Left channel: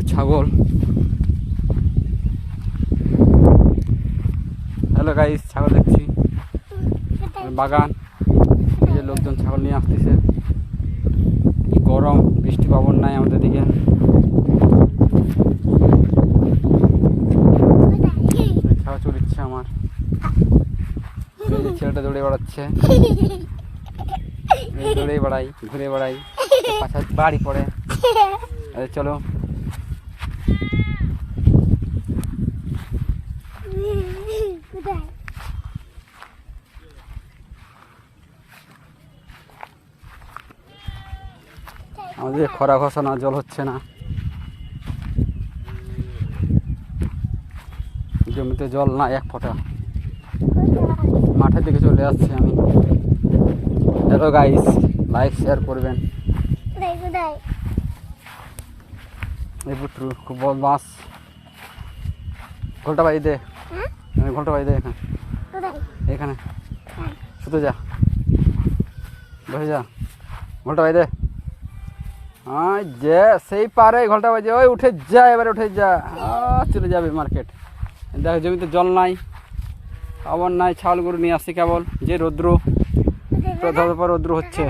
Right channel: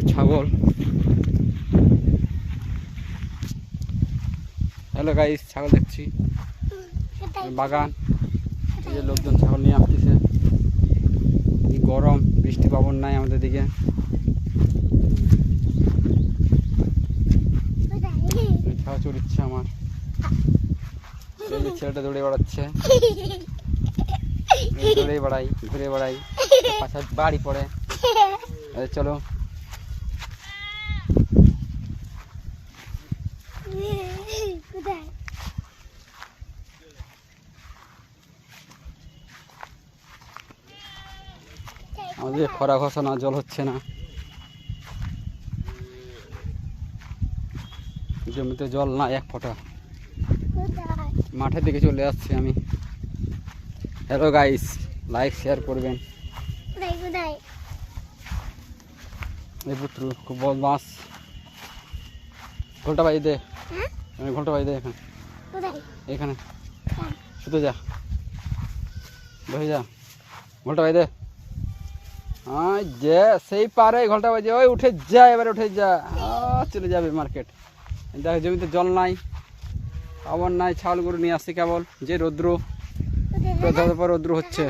গরু ছাগল। Hello guys, ছাগল দেখছি বাগান। এই যে লোকজন ছাগল নিয়ে আসতেছে। কি গরম, বৃষ্টি পাবন নাই আমাদের দিকে। ছাগল চড়িচ্ছে আমার ছেলেটা, দৌড়ে বেড়াচ্ছে। দৌড়ে বেড়াই, ঘুরে বেড়াই, পাশা বাড়ি পড়ে। চলো আমাদের খরা ঘোষণা, জল হচ্ছে না, জমিতে জল না এক ফোঁটা। মাঠের দিকে চলে আসছি আমি। হ্যালো গাইস, লাইক শেয়ার করবেন। এই পুত্র খুব বদমাস। ঘোলটা বাই দে, ঘোলটা বাই দে। এখানে শুধু যা, বসে যা, ঘোলটা বাই দে। যে সেই পারে ঘোলটা বাজে, ওই উঠে যা, এবারে উঠে যা, চলে যাবে মার্কেট। দেখো জমিতে জল নাই, আবার নাই। ছাগল গরু নিয়ে আসছে কেবল। যে রৌদ্র, রৌদ্র হচ্ছে।